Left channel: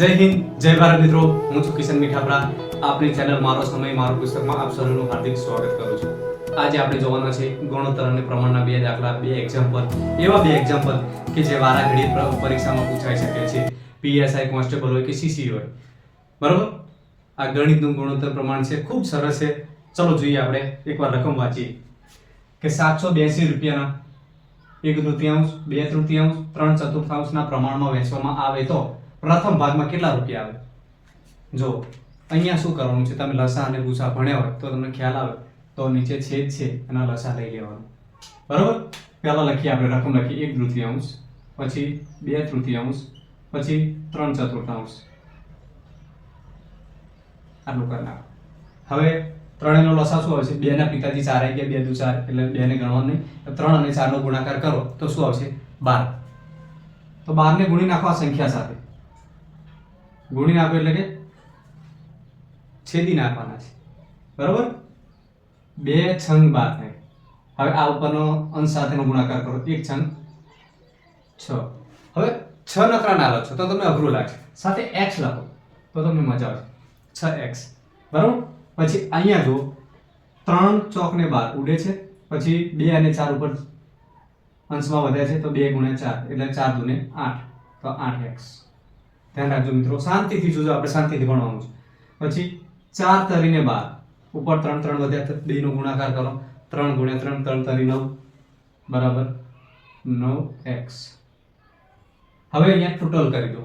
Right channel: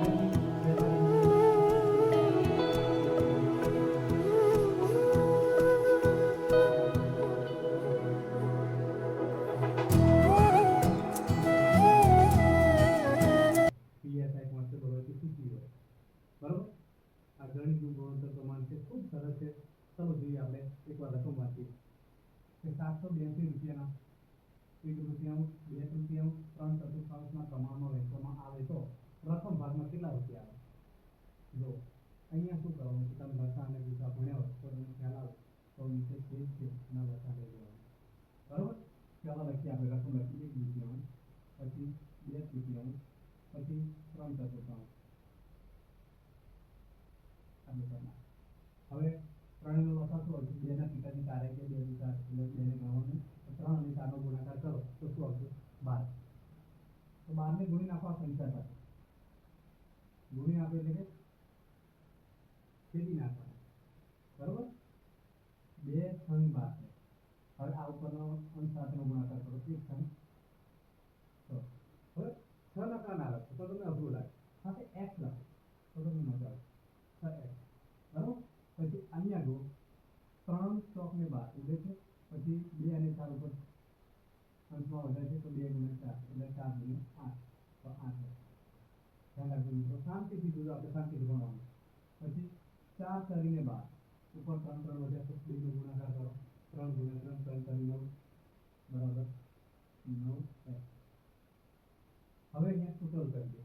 જય હિન્દ, જય ભારત મિત્રો. હું છું કિશન મીઠાપરા. આપણી ચેનલ મારો સમય મારું પુસ્તકમાં આપ સૌનું હાર્દિક સ્વાગત કરું છું. આજે આપણે જોવાના છે ગુણોત્તર અને પ્રમાણના બે દાખલા, બે એક્ઝામ્પલ, એવા બે એક્ઝામ્પલ કે જે વારાઘડી પરીક્ષામાં પૂછાઈ શકે છે. પીએસઆઈ કોન્સ્ટેબલ હોય કે સીસી હોય. બરોબર? આ ગણિતનું ગુણોત્તર પ્રમાણ છે, ખૂબ સરસ છે. ચલો જોઈએ, આપણે એકવાર રકમ વાંચીએ કે 782 રૂપિયાના 1/તૃતીયાંશ, 2/તૃતીયાંશ, 3/ચતુર્થાંશના પ્રમાણમાં વહેંચવામાં આવે તો પ્રથમ ભાગમાં કેટલા રૂપિયા આવે? જો અહીંયા શું કરવાનું છે, તમે લસા અને ગુસા ભણ્યા હોય તો તમને ખ્યાલ આવે. તો નીચે છેદ છે અને લસા લઈ લેવાનો. બરોબર? પહેલા લખીએ, આપણે રકમ લખીએ 1/તૃતીયાંશ, પછી 2/તૃતીયાંશ, પછી 3/ચતુર્થાંશ. આટલું કરી નાખો. હવે ત્રણેયનો લસા શું આવશે? 2 ના પિતાજી 4 આવી ગયા, 2 દુ 4 એટલે 2 ને ગણવાનું નહીં. 3 અને 4 નો ગુણાકાર કરો તો શું આવશે? 12. તો 12 ને ગુણી નાખો આ સંખ્યા સાથે. ગુણી નાખો એટલે કે છેદી નાખવાના છે. બરોબર? 2 છંગ 12 થાય. હવે આ ઉપરનો અંશ સાથેનો ગુણાકાર કરો. 1 છંગ 6. હવે 6 નકરા ના લખો તો તમને અઘરું લાગશે. સાથે x લખો તો તમને મજા આવશે. 6x. બરોબર? પછી અહીંયા જો 3 ચોક ને 12 ઉડે છે, પછી 2 અને 4 ઉપર અંશમાં વધે છે તો 2 ગુણ્યા 4 એટલે 4 દુ ને 8 તો 8x. ધ્યાન રાખજો મિત્રો, શાંતિથી જોજો, આપણે શાંતિથી ભણવાનું છે. પછી 4 તરીને 12 ઉપર 3 3 વધ્યા તો 2 નો ગુણાકાર કરો. 3 ગુણ્યા 3 3 તરી 9 બરાબર 9x. હવે અહીંયા ટોટલ કરી દો.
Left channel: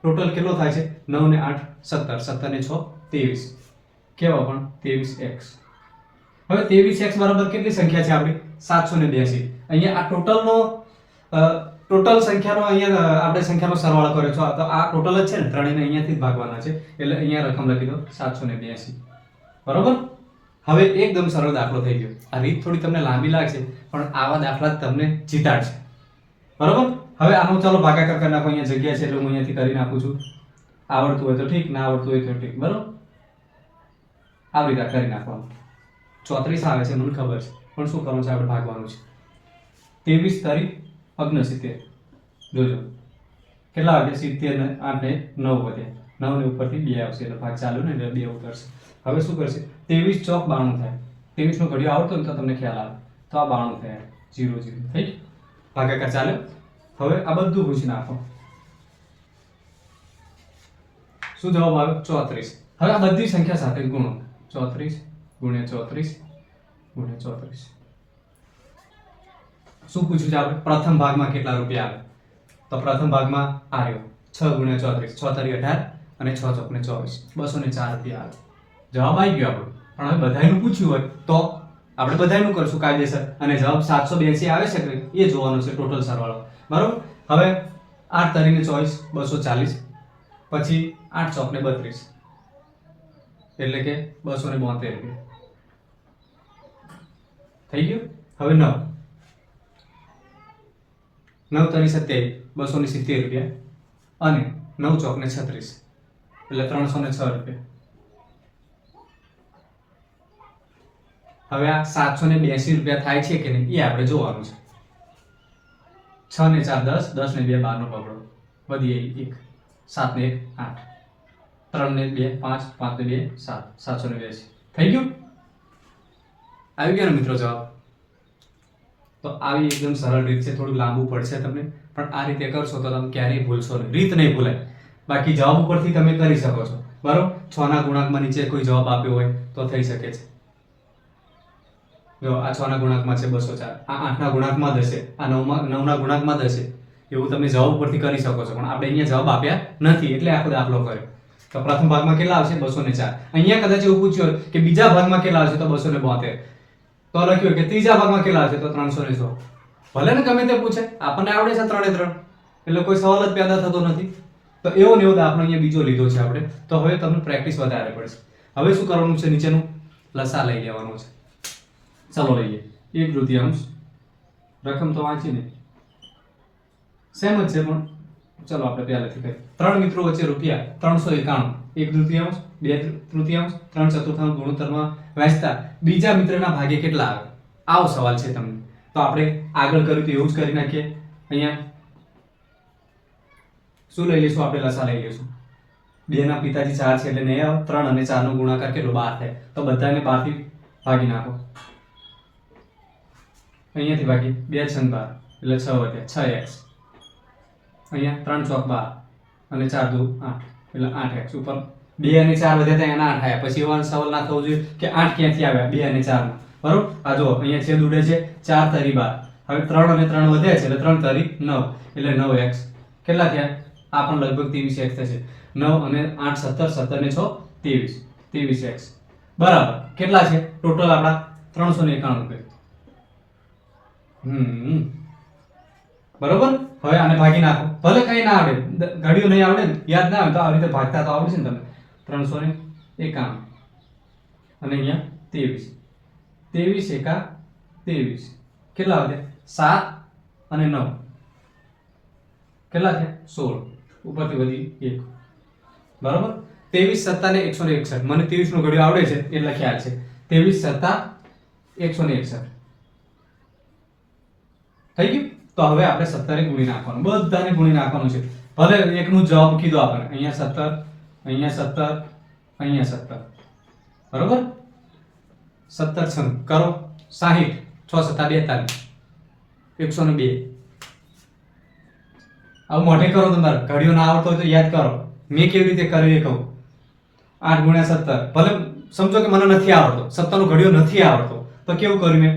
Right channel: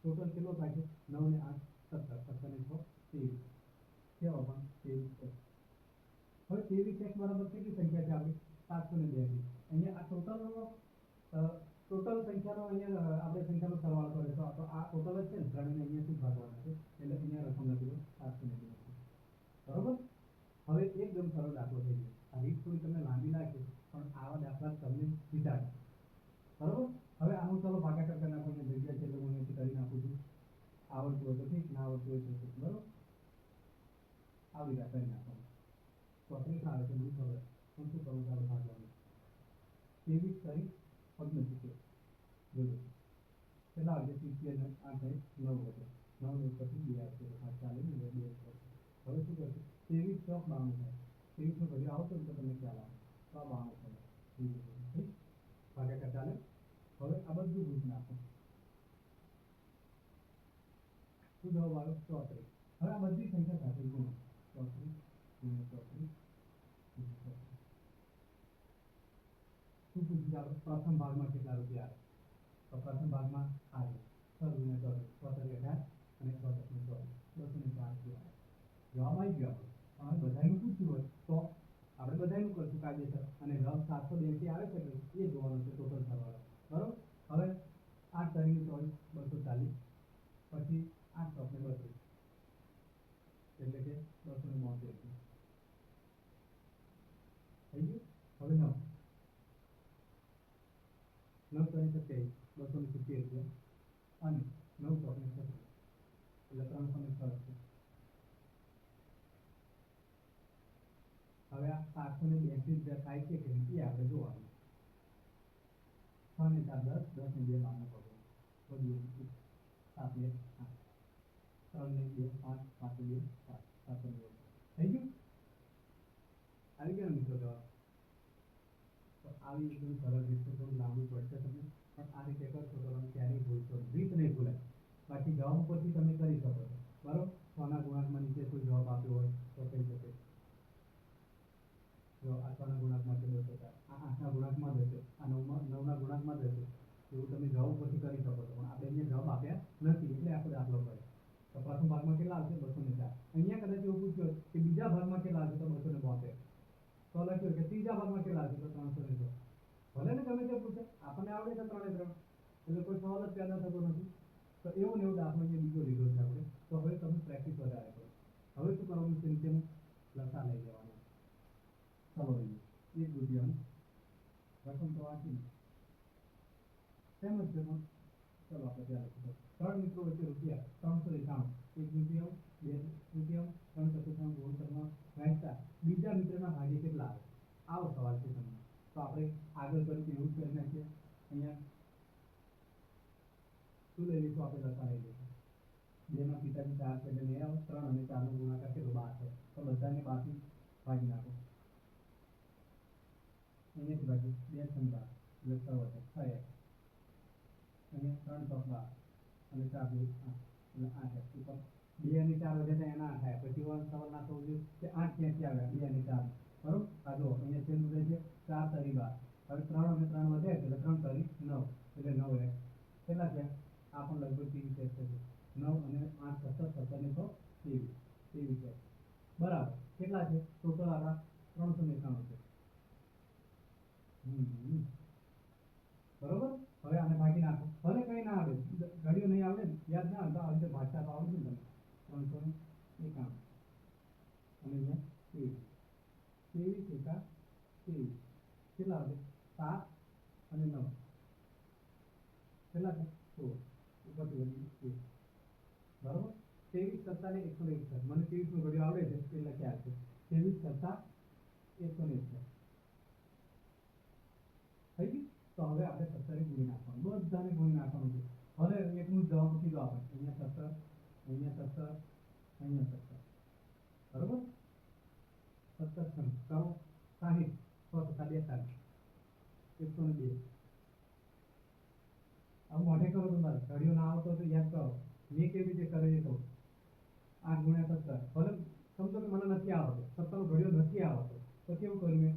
ટોટલ કેટલો થાય છે? 9 ને 8 17, 17 ને 6 23. કેવા પણ 23x. હવે 23x બરાબર કેટલી સંખ્યા છે આપણી? 782. અહીંયા આ ટોટલ સંખ્યાનો અહીંયા આપણે સંખ્યાનો સરવાળો કર્યો છે, તો આ ટોટલ જ છે ને, ત્રણેયને અહીંયાથી જ ભાગવાના છે એટલે અહીંયા રકમ લખી દો 782. બરોબર? હવે એકદમ સરળ દાખલો થઈ ગયો. આ રીત થોડી તમને લાંબી લાગશે પણ આવા દાખલા જ તમને જીતાડશે. બરોબર? હવે આનો ચાલો ભાગાકાર કરી નાખો. અહીંયા જગ્યા છે એટલે હું અહીંયાથી કરી નાખું છું. આવડતું હોય તો ઠીક, ના આવડતું હોય તો ઠીક. બરોબર? આવી રીતે કરી નાખવાનું. 34 આવે છે મને ખબર છે, પણ શું કરવાનું છે, આપણે ભાગવાનું છે. 23 તારીખ 69. જોજો કેટલા વાગે? 70 ને 8 ને 9 વધે. 9 ને ઉપરથી 2 આવશે એટલે ભાગ ચાલુ ને એટલે 2 ઉતરશે. હવે શું કરશે? 23 ચોક 92 થાય. 23 નો ઘડિયો આવતો ને તો તમને ખ્યાલ આવે. તો આ 92 થાય. 0 0 થઈ. ભાગાકાર ચાલે. હવે આ બધું પૂછી નાખો. શું જવાબ આવ્યો? 34. હવે આ બધી સંખ્યા સાથે ગુણો. 34 ગુણ્યા 34 ગુણ્યા 34. શું પૂછ્યું છે આપણે? પ્રથમ ભાગમાં કેટલા રૂપિયા આવે? તો પ્રથમ ભાગમાં આ રહ્યો 6 ગુણ્યા 34, 6 તારી 18 અને 6 ચોક ને 24, 204 રૂપિયા આવે. જવાબ આવી ગયો આપણો. પણ હવે બધાયનું પૂછ્યું હોય તો આપણે બધાયનું કરશું કાયદેસર, અને જવાબ 782 આવે છે કે એ જોવાનો છે, ટોટલ સરવાળો. બરોબર? હવે 8 તારીને 24 240, પછી 8 ચોક ને 32 એટલે કે 272 રૂપિયા થઈ ગયું. હવે 9 તારી 27 270 રૂપિયા અને 9 ચોક ને 36 એટલે 306 રૂપિયા. હવે આ 782 રૂપિયા થાય છે કે નહીં એ આપણે જોવાનું છે. 6 ને 4 10, 10 ને 2 12 નો પકડો, વધી 1, 7 ને 1 8, 3 ને 2 5, 5 ને 2 7, 782 થઈ ગયું. આવી ગયો ને મિત્રો જવાબ? તો આવી એકદમ સરળ રીત છે. થોડું લાંબુ પડશે તમને, પણ આ રીતે કરશો તો તમે ક્યારેય ભૂલશો નહીં. રીત નહીં ભૂલાય. બાકી જવાબ ઉપરથી તમે કરી શકો છો. બરોબર? 6 ના ગુણાંકમાં નીચે કોઈ જવાબ આપ્યો હોય તો થઈ શકે છે. જો આ 6 ના ગુણાંકમાં છે 204, આ 8 ના ગુણાંકમાં જ હશે, આ 9 ના ગુણાંકમાં જ હશે. એવું તમે જવાબ ઉપરથી કરી શકો છો, પણ આપણે અહીંયા જવાબ આપ્યા નથી એટલે આખો દાખલો કર્યો. તો પ્રથમ ભાગમાં કેટલા આવશે? 204. અહીંયા કદાચ એવું પૂછ્યું હોય કે બીજા ભાગમાં કેટલા આવશે? તો 272. તો લખ્યું કે ત્રીજા ભાગમાં કેટલા આવશે? તો 306. ભલે ને ગમે તે પૂછે, આપણને આવડે છે 3 એ 3 એટલે કોઈ સવાલ જ પેદા થતો નથી. તો એવો ને એવો દાખલો અહીંયા બીજો લીધો છે આપણે. તો હવે તમને પ્રેક્ટિસ વધારે પડશે. હવે શું કરવાનું છે? નીચેનું લસા લઈ લેવાનું છે. ચાલો લઈએ. 1/તૃતીયાંશ રકમ તો વાંચી ને સેમ જ છે, પણ ચલો આપણે પહેલાથી કરીએ. 3 મિત્રો વચ્ચે રૂપિયા 391, 1/તૃતીયાંશ, 2/તૃતીયાંશ, 3/ચતુર્થાંશ ગુણોત્તરમાં વહેંચતા બીજા મિત્રના ભાગે કેટલા આવે? આવો સવાલ છે તમને. તો આપણે આગળ કર્યું તો એવું જ કરી નાખીએ. અહીંયા શું લઈ લઈશું? આપણે લસા લઈ લઈશું. 2 ના પિતાજી 4 છે એટલે નહીં આવે. 3 અને 4 નો ગુણાકાર કેટલો 12 થાય. તો બધાને 12 થી ભાગી નાખો. અહીંયાથી ભાગી 2 6 12 એટલે 6 વધ્યા 6x. અહીંયા 3 ચોક 12 અને 4 દુ 8 એટલે 8x. ઉપર 2 અને 4 વધ્યા ત્યાં એના 8 આવ્યા. પછી એવો સવાલ ના થવો જોઈએ કે 8 ક્યાંથી આવ્યા 2 અને 4 માં. બરોબર. આ જો અહીંયા છેદ ઉડે છે 4 તરી 12. હવે 3 અને 3 વધ્યા છે એટલે 3 તરી 9 એટલે 9x. કેટલા થયા? આ પણ લગભગ 23x થશે. 9 અને 8 17 17 ને 6 23 23x. બરાબર. કેટલા છે ટોટલ આપડા? 391 રૂપિયા. બરોબર. હવે આને ભાગી નાખો. ભલે કઈ ના આવડે, ઘડિયો નહીં આવડે ને, યાદ ના આવે તો આ રીતે ભાગતા તો આવડે છે ને તમને. 391 અને અહીંયા 23 23 એકા 23 કેટલા વધ્યા? 7 અને 9 કેટલા થયા? 16 ઉપરથી વધી 1. બરોબર. 23 7 ને 161. મને 23 નો ઘડિયો આવડે છે એટલે ખ્યાલ છે. 23 7 161 થઈ ગયું. તો હવે આપણે 17 ને ગુણી નાખવાનું, બધાને ગુણી નાખવાનું છે. ભલે એકનું જવાબ કીધો આપણે, અહીંયા 17 અહીંયા 17 અહીંયા 17. બરોબર. 17 6 કરો 60 6 7 42 102. હવે મોઢે કરો તમારે. ઘડિયો ના આવડતો હોય તો યાદ કરો. મેં કેવી રીતે કર્યું એ કહું. 8 ગુણ્યા 17. ભલે સમજો કે મને નથી આવડતો, 17 નો ઘડિયો નથી આવડતો, તો કેવું કર્યું મેં?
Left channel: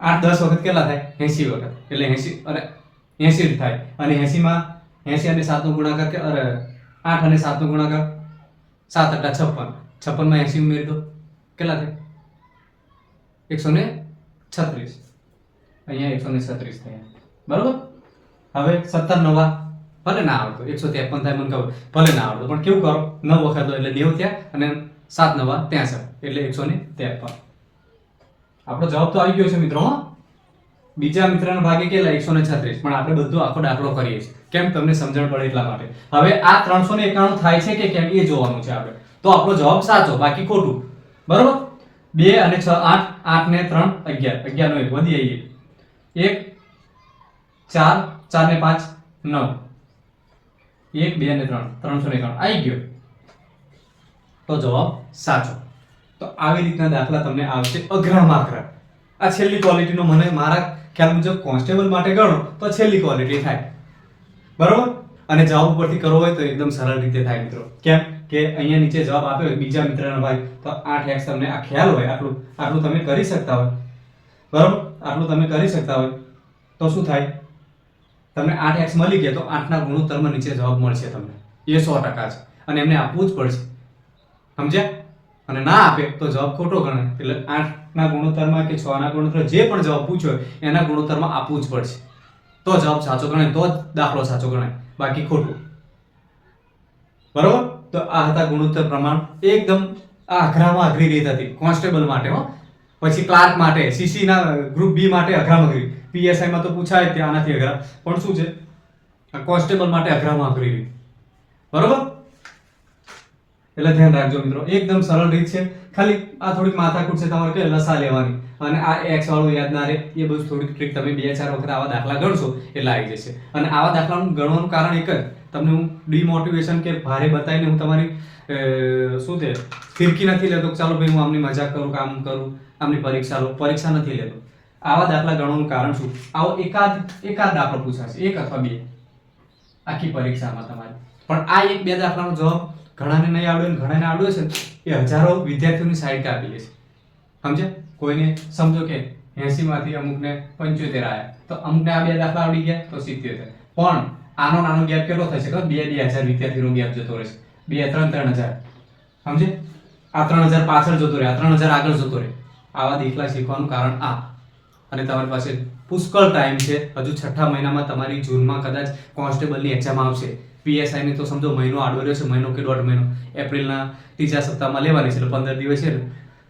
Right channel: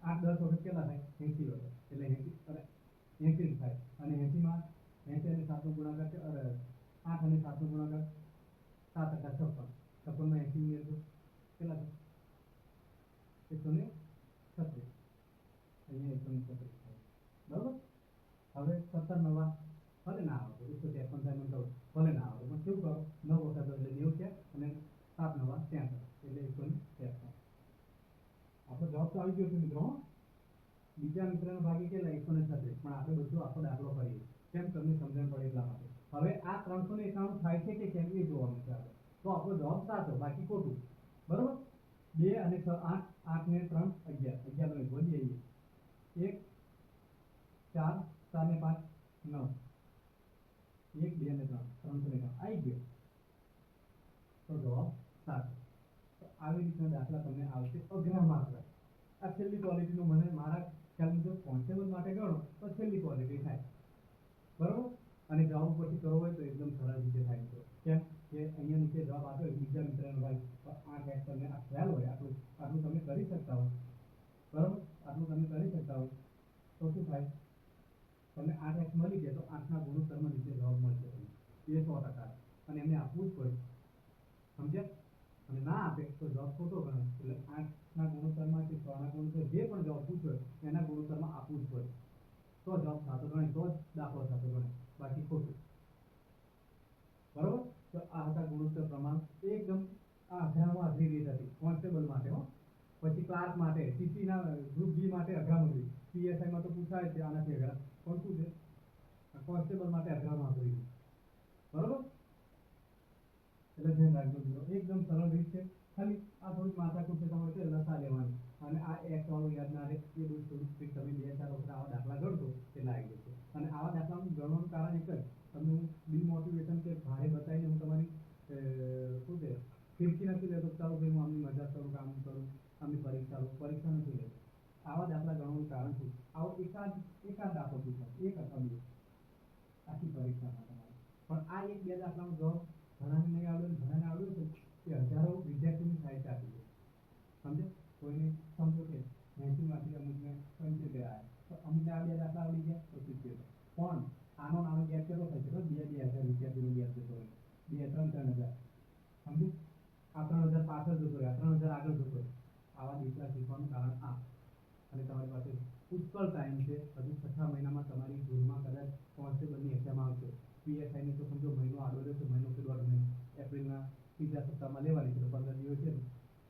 8 10 વખત કેટલા થાય? 80 વખત. એટલે 80 અને 80 થાય. અને 80 માં 80 અને 7 નો ગુણાકાર કે 8 અને 7 નો ગુણાકાર 7 8 56. 56 માં 80 ઉમેરી દો કેટલા થાય? 136. અહીંયા 136 થયા. બરોબર. હવે 17 નવા ભલે ના આવડતો 153 થાય મને ખબર, ભલે ના આવડતો પણ કેવું કરો 9 વખત લો એટલે 90 થયા અને 7 નવા 63 એટલે 153. આપણો જવાબ તો આવી ગયો છે મિત્રો. બીજા મિત્રના ભાગે કેટલા? 136. પણ આપણે બધું આખો દાખલો કરીએ છીએ કેમ? તમને સમજણ પડે એટલા માટે. હવે આ 391 થાય છે કે કેમ એ જોવાનું છે આપણે. તો આપણો જવાબ સાચો, બાકી ખોટું. બરોબર. 2 અને 6 8 8 ને 3 11 11 નો 1 વધી આવી 1 4 4 ને 5 9 1 2 અને 3 391 આવી ગયો. તો જવાબ સાચો. તો આવી રીતના દાખલા તમને આવશે અઘરામાં અઘરા. આ છેલ્લી ક્વોલિટીનો મને મારા ખ્યાલ મુજબ કોન્સ્ટેબલ માટે ગણો તો છેલ્લી ક્વોલિટી થાય. બરોબર. અને જવાબ ઉપરથી કરવો હોય તો એકદમ સરળ રીતે થાય મિત્રો. કેમ કે અહીંયા નીચે જવાબ આપ્યો હોય બીજા મિત્રના ભાઈ તો 8x તમને આ ખ્યાલ હોય, આટલું તમે કરી શકતા હોય. બરોબર. આટલું તમે કરી શકતા હોય તો શું થાય? તમને 8x મળી ગયા તો 8 ના ગુણોત્તરમાં નીચે જવાબ મળશે તમને. એ 100% છે અને એમને આપવું જ પડશે. સમજ્યા? અને ના આપે તો જવાબ ખોટો ગણાય. એટલે 8 ના ગુણોત્તરમાં કે 6 ના ગુણોત્તર જે પણ જવાબ પૂછ્યો એના ગુણોત્તરમાં આપવું જ પડશે. તો જવાબ સાચો ગણાય, તો જ દાખલો સાચો ગણાય, બાકી ખોટું. બરોબર. તો આ હતા ગુણોત્તર પ્રમાણ. એકદમ આ અઘરામાં અઘરી રીત હતી કોન્સ્ટેબલ માટે હો. પછી ક્લાર્ક માટે, સીસી ના ગ્રુપ બી માટે અઘરામાં અઘરી, પીએસઆઈ માં તો પૂછાય ત્યાં આનાથી અઘરા, પણ શું છે આ કોન્સ્ટેબલ માટે અઘરામાં અઘરી રીત. બરોબર. એટલે ધ્યાન રાખજો મિત્રો. એકદમ સરળ રીત છે. ખાલી આ થોડીક માથાકૂટ છે તમારે કે લસા લેવાની અને આ x વાળું યાદ ના રહે, એ બધું થોડીક ટ્રીક તમે 2-4 વખત આવા દાખલા ગણશો એટલે આવી જશે. અને આવા દાખલાનું ગણવાનું કારણ એક જ, તમને હું ડિમોટિવેશન કે ભારે બતાવીને હું તમારી શું છે ફિરકી નથી લેતો ચાલો ભાઈ હું આમની મજાક કરું, કામ કરું, આમની પરીક્ષા લો, પરીક્ષા નથી લેતો. આવા દાખલા ગણવાનું કારણ શું? આવો એકાદ દાખલો પૂછાશે, 1 અથવા 2 આખી પરીક્ષામાં તમારે. પણ આ 1-2 દાખલાનો જવાબ ઘણાને નહીં આવડે ને ઘણાને આવડ્યો છે એ હજારો વિદ્યાર્થીઓની સાઈડ કાપી લે છે. સમજ્યા? કોઈને સમજો કે 80 માંથી અમુકને 75 આવ્યા તો અમુકને આ 2 દાખલા આવડી ગયા તો 70. પણ આનો નાનો ગેપ કેટલો થશે ખબર? 2-2000 વિદ્યાર્થીનો ગેપ જતો રહેશે. 2-3-3000. સમજે? આ 3000 પાછળ જતો રહે, આ 3000 આગળ જતો રહે. આવા દાખલા શીખવાનું કારણ આ. અને તમારી પાસે પુષ્કળ ટાઈમ છે. હજુ 6ઠા મહિનામાં તમારી જૂનમાં કદાચ કોન્સ્ટેબલની એક્ઝામ આવશે. પીએસઆઈ ની તો સમજો મહિનો આડો રહ્યો છે, મહિનો કે 1.5 મહિનો. એપ્રિલના ત્રીજા સપ્તાહમાં લેવાની છે એટલે 15 દિવસ છે ને,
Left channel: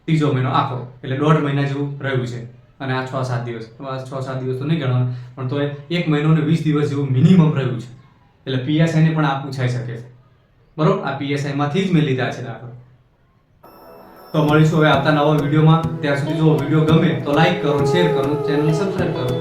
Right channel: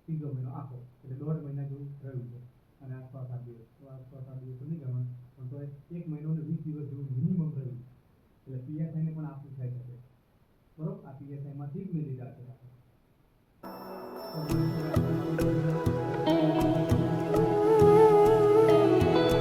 ત્રીજો મહિનો આખો એટલે 1.5 મહિના જેવું રહ્યું છે. અને આ 6-7 દિવસ, 6-7 દિવસ તો નહીં ગણવાનું પણ તો 1 મહિનો ને 20 દિવસ જેવું મિનિમમ રહ્યું છે. એટલે પીએસઆઈ ને પણ આ પૂછાઈ શકે છે. બરોબર. આ પીએસઆઈ માંથી જ મેં લીધા છે દાખલા. તો મળીશું હવે આવતા નવા વિડીયોમાં. ત્યાં સુધી જો વિડીયો ગમે તો લાઈક કરો, શેર કરો, ચેનલ સબસ્ક્રાઇબ કરો.